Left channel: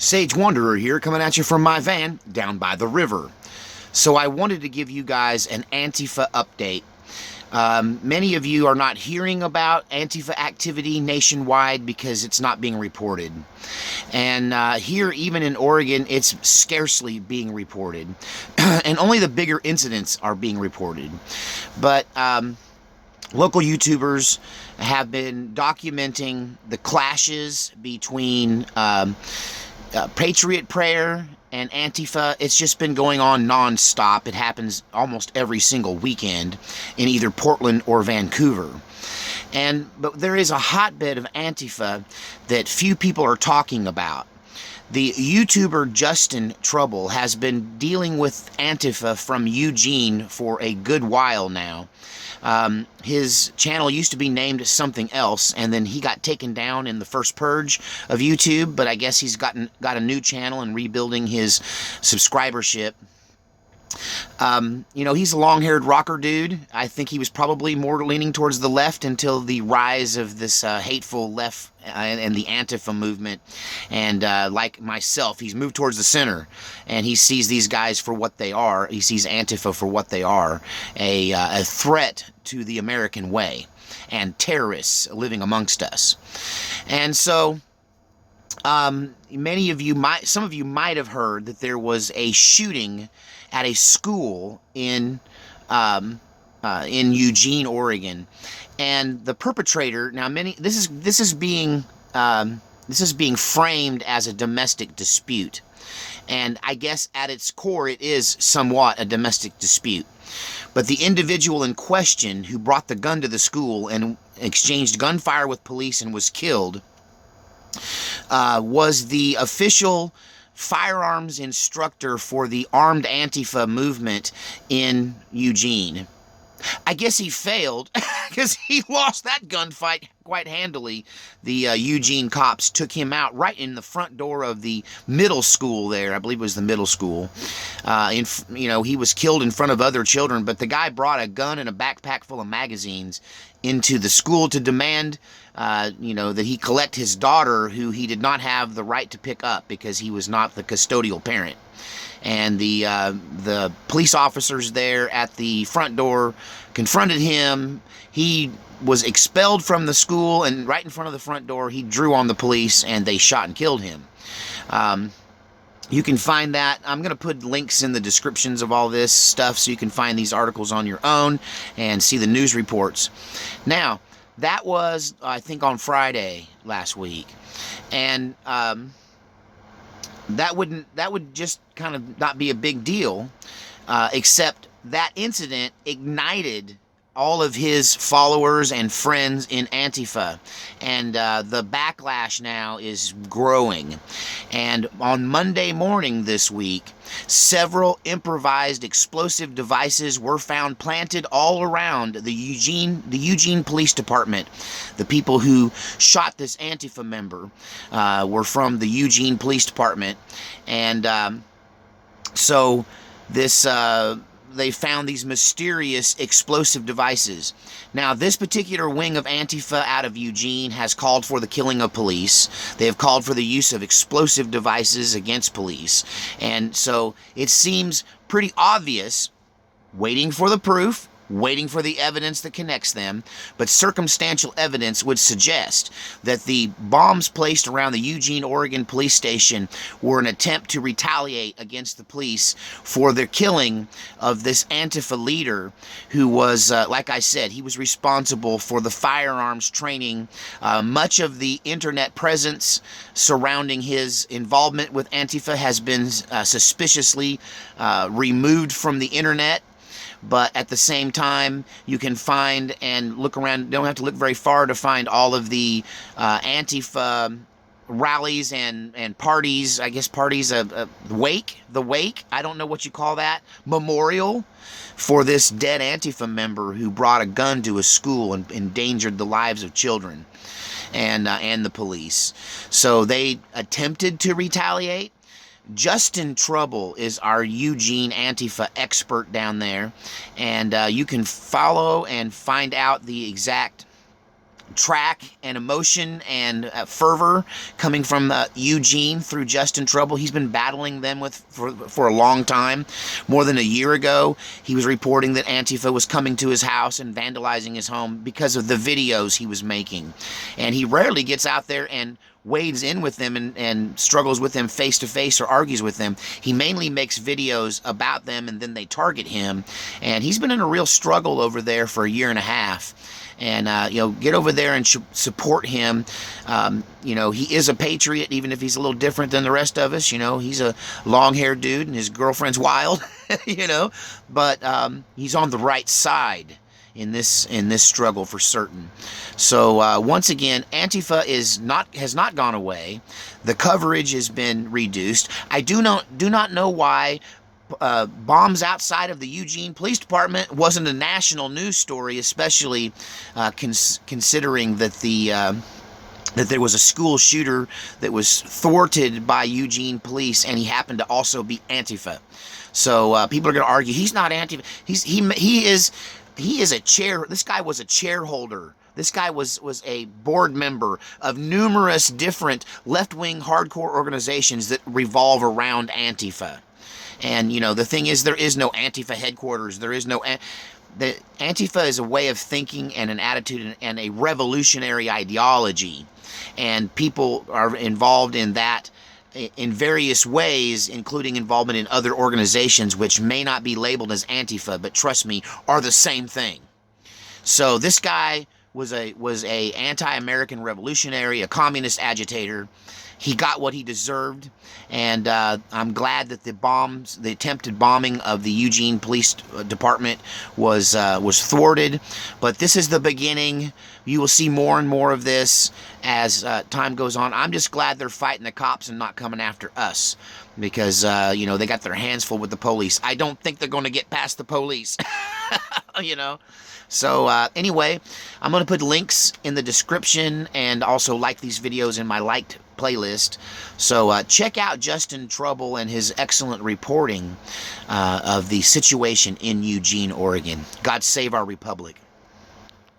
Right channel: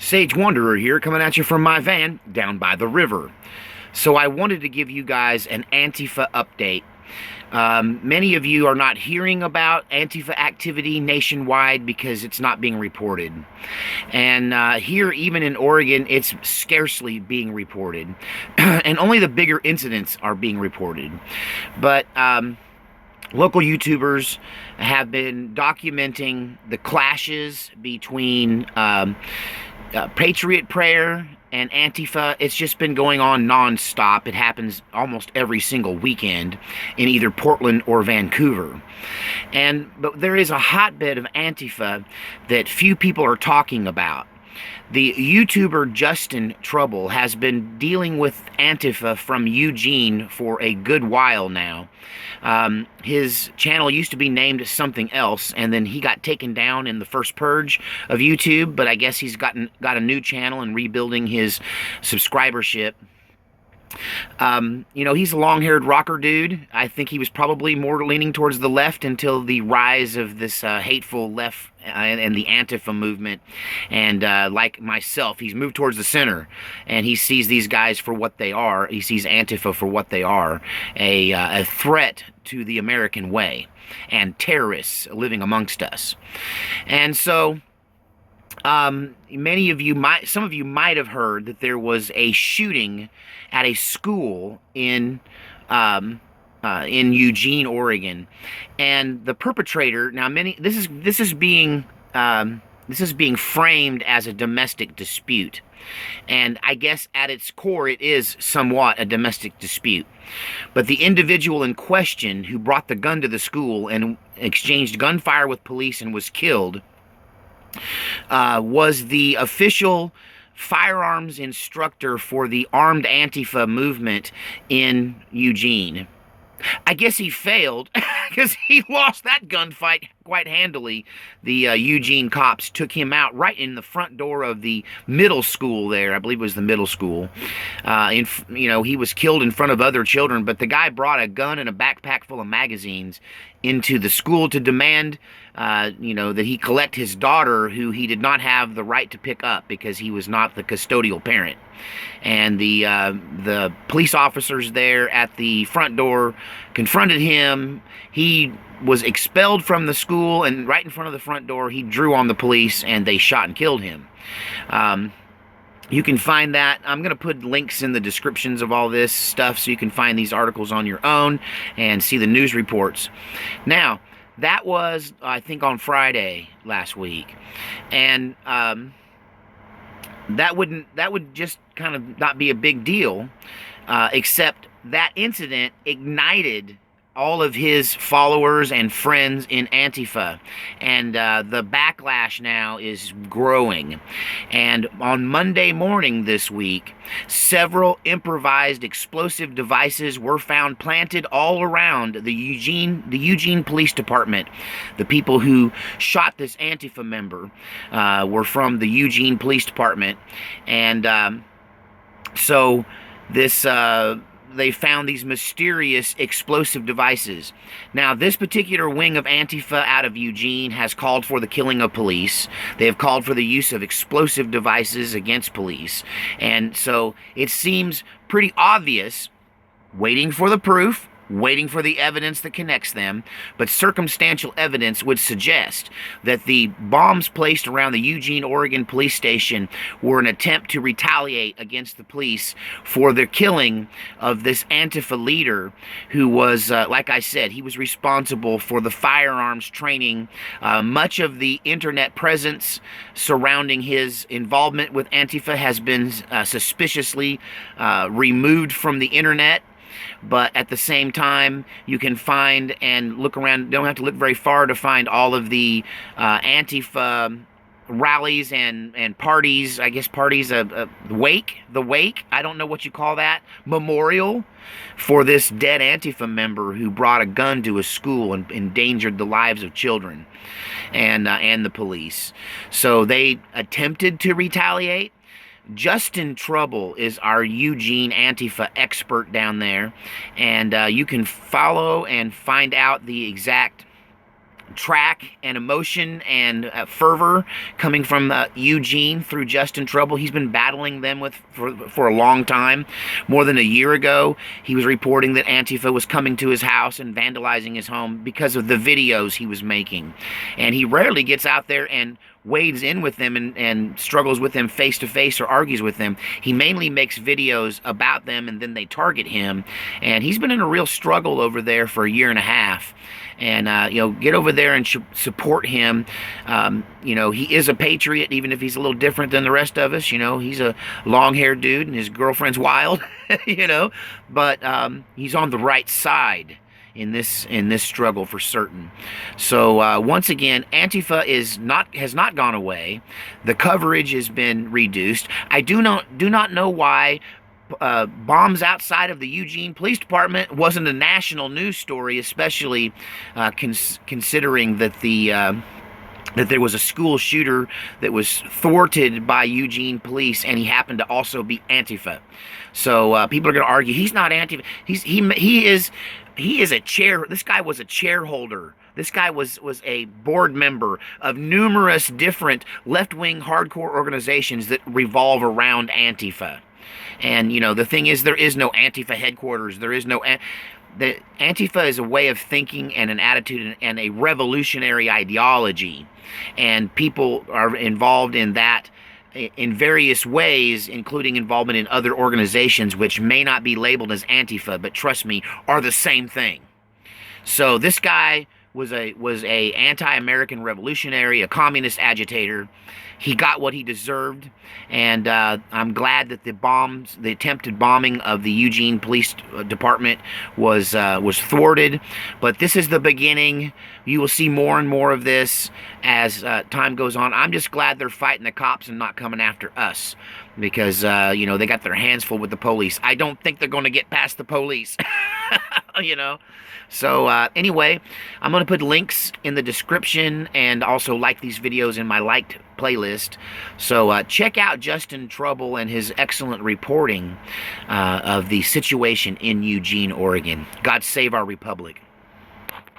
Sage Wanderer here, coming at you from my van down by the river. So I wanted to give you guys an Antifa update. Many of you are not hearing about Antifa activity nationwide because it's not being reported. And here, even in Oregon, it's scarcely being reported. And only the bigger incidents are being reported. But local YouTubers have been documenting the clashes between Patriot Prayer and Antifa. It's just been going on non-stop. It happens almost every single weekend in either Portland or Vancouver. But there is a hotbed of Antifa that few people are talking about. The YouTuber Justin Trouble has been dealing with Antifa from Eugene for a good while now. His channel used to be named something else, and then he got taken down in the first purge of YouTube, but I guess he's got a new channel and rebuilding his subscribership. He's a long-haired rocker dude. I think he was probably more leaning towards the left until the rise of this hateful left and the Antifa movement. And like myself, he's moved towards the center, and he sees these guys for what they are. He sees Antifa for what they are, a threat to the American way and terrorists living amongst us. And so some of you might have heard that there was a shooting at a school in Eugene, Oregon, and the perpetrator. Now, this is being framed as a domestic dispute, and I guess at its core it is somewhat a domestic dispute. But the individual in question who brought the gun to the school and exchanged gunfire with police and was killed was the official firearms instructor for the armed Antifa movement in Eugene. I guess he failed because he lost that gunfight quite handily. The Eugene cops took him out right in the front door of the middle school there. I believe it was the middle school. He was killed in front of other children, but the guy brought a gun and a backpack full of magazines into the school to demand that he collect his daughter, who he did not have the right to pick up because he was not the custodial parent. And the police officers there at the front door confronted him. He was expelled from the school, and right in front of the front door, he drew on the police, and they shot and killed him. You can find that. I'm going to put links in the descriptions of all this stuff so you can find these articles on your own and see the news reports. Now, that was, I think, on Friday last week. And that would just kind of not be a big deal, except that incident ignited all of his followers and friends in Antifa, and the backlash now is growing. And on Monday morning this week, several improvised explosive devices were found planted all around the Eugene Police Department. The people who shot this Antifa member were from the Eugene Police Department, and so this they found these mysterious explosive devices. Now, this particular wing of Antifa out of Eugene has called for the killing of police. They have called for the use of explosive devices against police. And so it seems pretty obvious, waiting for the proof, waiting for the evidence that connects them, but circumstantial evidence would suggest that the bombs placed around the Eugene, Oregon police station were an attempt to retaliate against the police for their killing of this Antifa leader who was, like I said, he was responsible for the firearms training. Much of the internet presence surrounding his involvement with Antifa has been suspiciously removed from the internet. But at the same time, you can find and look around. Don't have to look very far to find all of the Antifa rallies and parties. I guess parties, the wake. I don't know what you call that. Memorial for this dead Antifa member who brought a gun to a school and endangered the lives of children and the police. So they attempted to retaliate. Justin Trouble is our Eugene Antifa expert down there, and you can follow and find out the exact track and emotion and fervor coming from Eugene through Justin Trouble. He's been battling them for a long time. More than a year ago, he was reporting that Antifa was coming to his house and vandalizing his home because of the videos he was making. And he rarely gets out there and wades in with them and struggles with them face to face or argues with them. He mainly makes videos about them, and then they target him. And he's been in a real struggle over there for a year and a half. And, get over there and support him. He is a patriot, even if he's a little different than the rest of us. He's a long-haired dude and his girlfriend's wild, but he's on the right side in this struggle for certain. So once again, Antifa has not gone away. The coverage has been reduced. I do not know why bombs outside of the Eugene Police Department wasn't a national news story, especially considering that that there was a school shooter that was thwarted by Eugene police, and he happened to also be Antifa. So people are going to argue he's not Antifa. He is a chair. This guy was a chair holder. This guy was a board member of numerous different left-wing hardcore organizations that revolve around Antifa. And, the thing is, there is no Antifa headquarters. There is no... The Antifa is a way of thinking and an attitude and a revolutionary ideology. And people are involved in that in various ways, including involvement in other organizations which may not be labeled as Antifa, but trust me, are the same thing. So this guy was a anti-American revolutionary, a communist agitator. He got what he deserved, and I'm glad that the attempted bombing of the Eugene Police Department was thwarted. But this is the beginning. You will see more and more of this as time goes on. I'm just glad they're fighting the cops and not coming after us, because they got their hands full with the police. I don't think they're going to get past the police. So anyway, I'm going to put links in the description and also like these videos in my liked playlist. So check out Justin Trouble and his excellent reporting of the situation in Eugene, Oregon. God save our republic.